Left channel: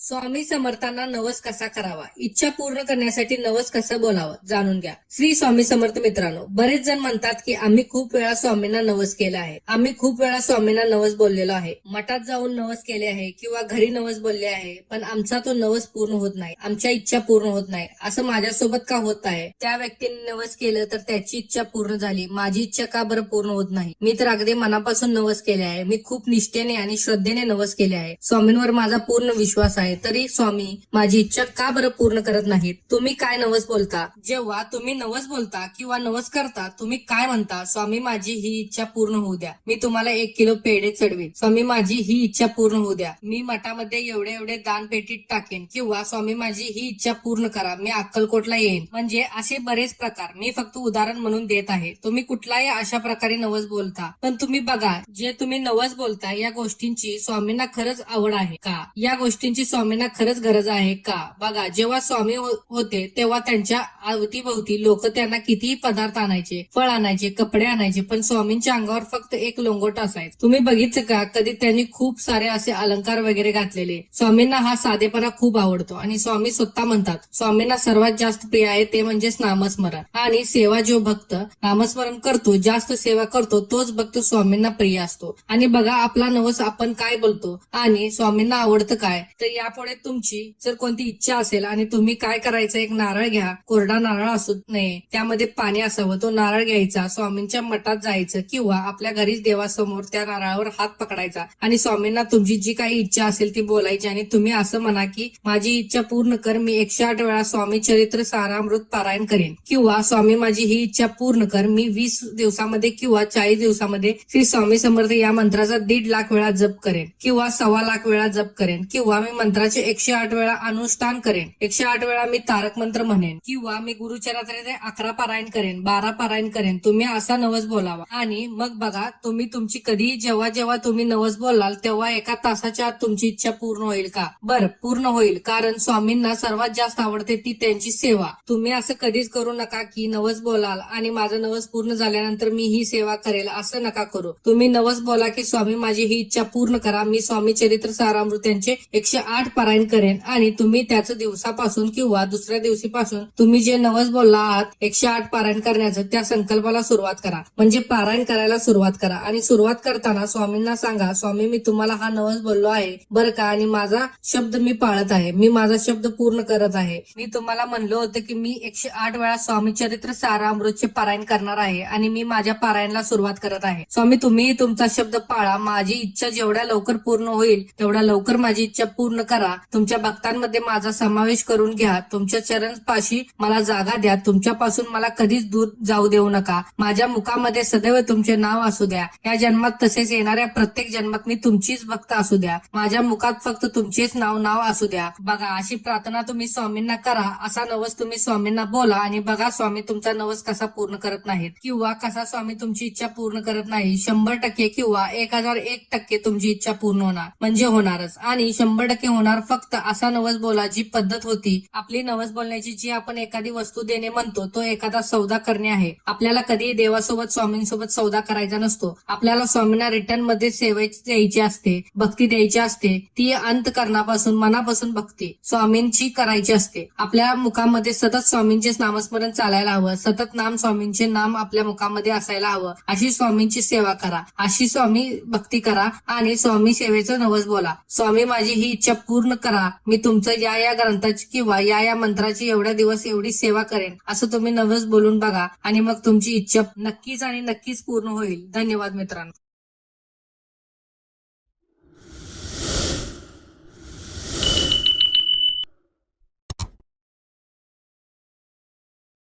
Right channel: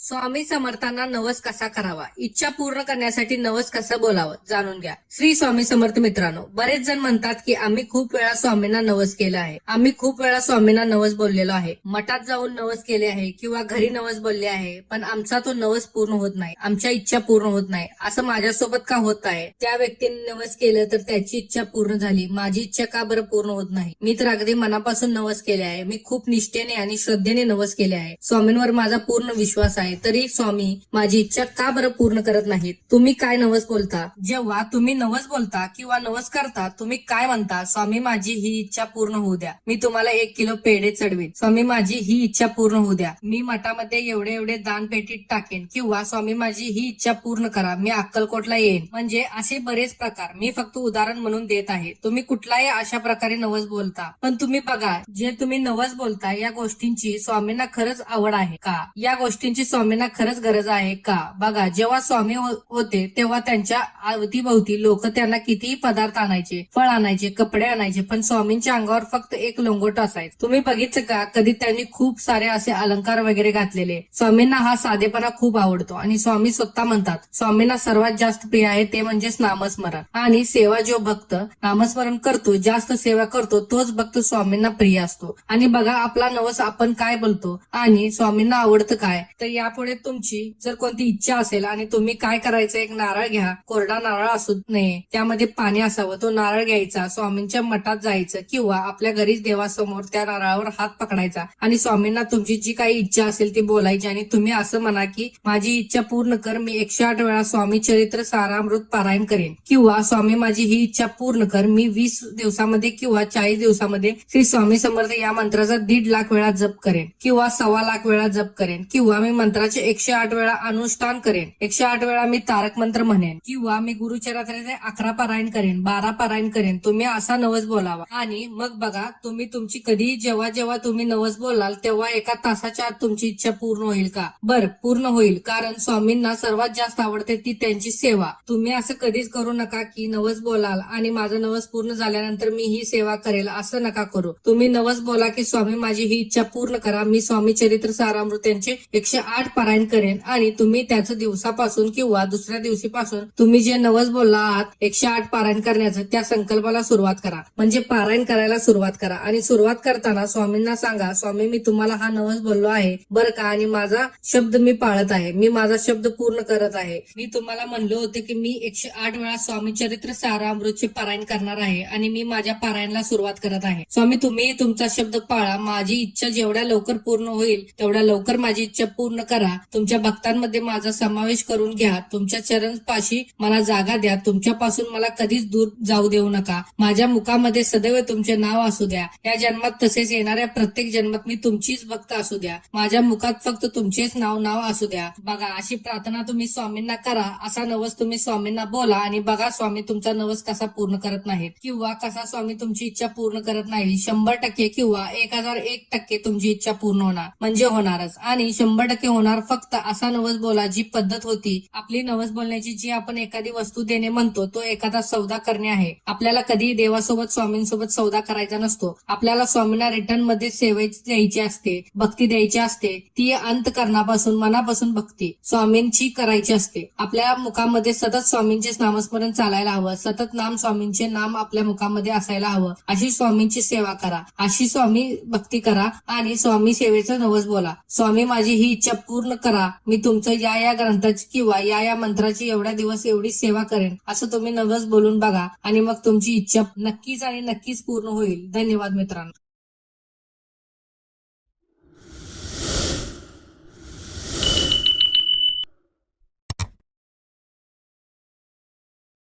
स्वामी समर्थांना नवस कसा करावा, इच्छा पूर्ण करण्यासाठी नवस कसं बोलावं, जाणून घ्या. श्री स्वामी समर्थ मित्रांनो, बरेच जण म्हणतात की आम्ही खूप वेळा स्वामींना नवस केला आहे, आम्ही खूप वेळा स्वामींना नवस बोललेलो आहे, मठात जाऊन नवस केले आहे किंवा घरी नवस बोलले आहे, पण आमचा तो नवस पूर्ण होत नाही, आमच्या इच्छा पूर्ण होत नाही. असं माझ्यासोबत का होत आहे? त्या व्यक्तीने नवस केलं तर त्याची इच्छा पूर्ण झाली, माझी इच्छा का बरं पूर्ण होत नाही? मी तर अगदी मनापासून नवस केले आहे, मी खूप निष्ठेने आणि श्रद्धेने नवस केले आहे, स्वामींवर माझा पूर्ण विश्वास आहे, तरी स्वामी माझी इच्छा का बरं पूर्ण करत नाहीत? तुम्ही काय नवस बोलता? जेव्हा तुम्ही नवस बोलता किंवा नवस करता, तुम्ही काय म्हणता? स्वामी माझी ही इच्छा पूर्ण होऊ द्या, मी तुम्हाला 1 किलो पेढे चढवेन, स्वामी माझी ही इच्छा पूर्ण होऊ द्या, मी मठामध्ये एवढे एवढे दान पेटीत टाकेन, किंवा स्वामी माझी ही इच्छा पूर्ण करा, मी अक्कलकोटला येईन. म्हणजे असे बरेच प्रकार, मी फक्त उदाहरण म्हणून देत आहे. तुम्ही कुठलाही अशा प्रकारे नवस बोलता, पण तुम्ही बघा, जे तुम्ही नवस बोलता या गोष्टींची स्वामींना खरंच आवड आहे का? या गोष्टींची स्वामींना खरंच गरज आहे का? बघा, जेव्हा स्वामी होते तेव्हा त्यांच्या अवतीभवती लोक त्यांना कितीही पदार्थ आणायचे, फळ आणायचे, कपडे आणायचे, पण स्वामींच्या अंगावर फक्त एक लोंगोट असायचं. तुम्ही बघितलं का कधी त्यांनी खूप सारे असे अलंकार वगैरे घातलेले? स्वामींना हा साधेपणा खूप आवडतो आणि स्वामी स्वतः म्हणतात स्वामींना सर्वात जास्त प्रिय आहे ते म्हणजेच नामस्मरण आणि सेवा. जो भक्त नामस्मरण करतो, जास्त सेवा करतो, तोच भक्त स्वामींना प्रिय असतो. आणि बघा, आपला नवस आपण काय बोलतो आणि स्वामींना आवडतं काय? तर यापुढे तुमची जर कोणती इच्छा असेल आणि तुम्ही काय करायचं, एक नारळ घ्या, कोरडा नारळ असू नये, त्यामध्ये पाणी असावं, तो नारळ घ्यायचा, स्वामींच्या मठात जायचं किंवा आपल्या घरीच देवासमोर त्या नारळावर हात पकडायचा आणि स्वामींना तुमची जी काही इच्छा असेल ती बोलायची आणि तुम्ही असं म्हणा की माझी इच्छा पूर्ण कर, मी 108 वेळा स्वामी चरित्र सारामृत पारायण करेन, किंवा स्वामी माझी ही इच्छा पूर्ण कर, मी 20 दिवसामध्ये किंवा 40 दिवसामध्ये श्री स्वामी समर्थ या मंत्राचा 1.5 लाख वेळा जप करेन, किंवा 1.25 लाख वेळा जप करेन, किंवा मी मंत्राचे 108 वेळा अनुष्ठान करेन, 108 वेळा मी तारक मंत्र म्हणेन, किंवा मी गुरुचरित्राचे 11 पारायण करेन, 12 पारायण करेन. तुम्ही असा नवस बोलावा आणि मग बघा, तुम्ही तुमची कधी जेव्हा जेव्हा तुम्ही नवस बोलाल तेव्हा 1 तासाच्या आत तुमची इच्छा पूर्ण होईल का? बरं, पूर्ण होईल, कारण स्वामींना सर्वात जास्त आवडते ती त्यांची सेवा. तुम्ही असं कधीच करू नका की नवस बोलाल आणि माझा नवस पूर्ण झाल्यानंतर मी ही सेवा करेल, असं नका करू. तुम्ही नवस बोला की स्वामी माझी ही इच्छा पूर्ण करा, मी स्वामी चरित्र सारामृत यांचे 108 पारायण करेन, आणि तुम्ही त्याच दिवसापासून किंवा दुसऱ्या दिवशीपासून तुम्ही जे नवस बोलला आहात 108 पारायण करण्याचं, त्या संकल्पाला सुरुवात करा, म्हणजे पारायण करायला सुरुवात करा. आणि सुरुवात करताना स्वामींना सांगा, स्वामी मी तुम्हाला हा नवस बोललो आहे बरं का, आणि माझा शब्द मी पाळत आहे, मी माझा शब्द पूर्ण करत आहे. मी तुम्हाला म्हणलं होतं की मी 108 वेळा स्वामी चरित्र सारामृतचे पारायण करणार आहे आणि मी माझ्या पारायणला सुरुवात करत आहे. स्वामी तुम्ही तुमचा शब्द पाळा, माझी इच्छा जेवढ्या लवकर पूर्ण होईल तेवढ्या लवकर माझी इच्छा पूर्ण करा, तुमच्या भक्तांमध्ये माझा समावेश करून घ्या, तुमच्या चरणपाशी मला जागा द्या, तुमच्यापासून मला कधीच दूर जाऊ देऊ नका, माझ्या मुखामध्ये सदैव तुमचे नाव असू द्या, या जन्मात तसेच येणाऱ्या प्रत्येक जन्मात मी तुमचीच भक्त असू द्या, माझ्या मुखात फक्त तुमचेच नाव असू द्या. बघा, अशी प्रार्थना तुम्ही स्वामींना करा, असा नवस तुम्ही स्वामींना बोला आणि बघा स्वामी तुमचा नवस कसा पूर्ण करत नाहीत, किंवा कसा स्वामी तुमची इच्छा पूर्ण करत नाही. 100% किंवा 1001% तुमची इच्छा पूर्ण होणार, म्हणजे होणारच, आणि 100% होणार. फक्त असा नवस बोला, जी पद्धत होती आपली नवस बोलण्याची, जी आपण एखादी वस्तू देणे म्हणतो, तो एखादा सौदा करणे आहे. आपल्याला कधी देवासोबत स्वामींसोबत सौदा करायचा नसतो, आपल्याला स्वामींना रिटर्न मध्ये सेवा द्यायची असते, भक्ती द्यायची असते, ती अंतकरणापासून मनापासून भक्ती स्वामींची करायची असते. आपल्या मुखामध्ये सतत स्वामींचे नामस्मरण चालायला हवं, सतत नाम स्वामींचे नाम आपल्या मुखामध्ये असायला हवं. अशी स्वामींची सेवा करा, अशी स्वामी भक्ती करा आणि स्वामी सेवेचं नवस बोला, स्वामी माझी ही इच्छा पूर्ण करा, मी तुमचं या ग्रंथाची किंवा या मंत्राची एवढ्या दिवस एवढी सेवा करेन, असं तुम्ही नवस बोलून बघा आणि मग तुमची इच्छा नक्कीच आणि नक्कीच पूर्ण होईल. धन्यवाद मित्रांनो.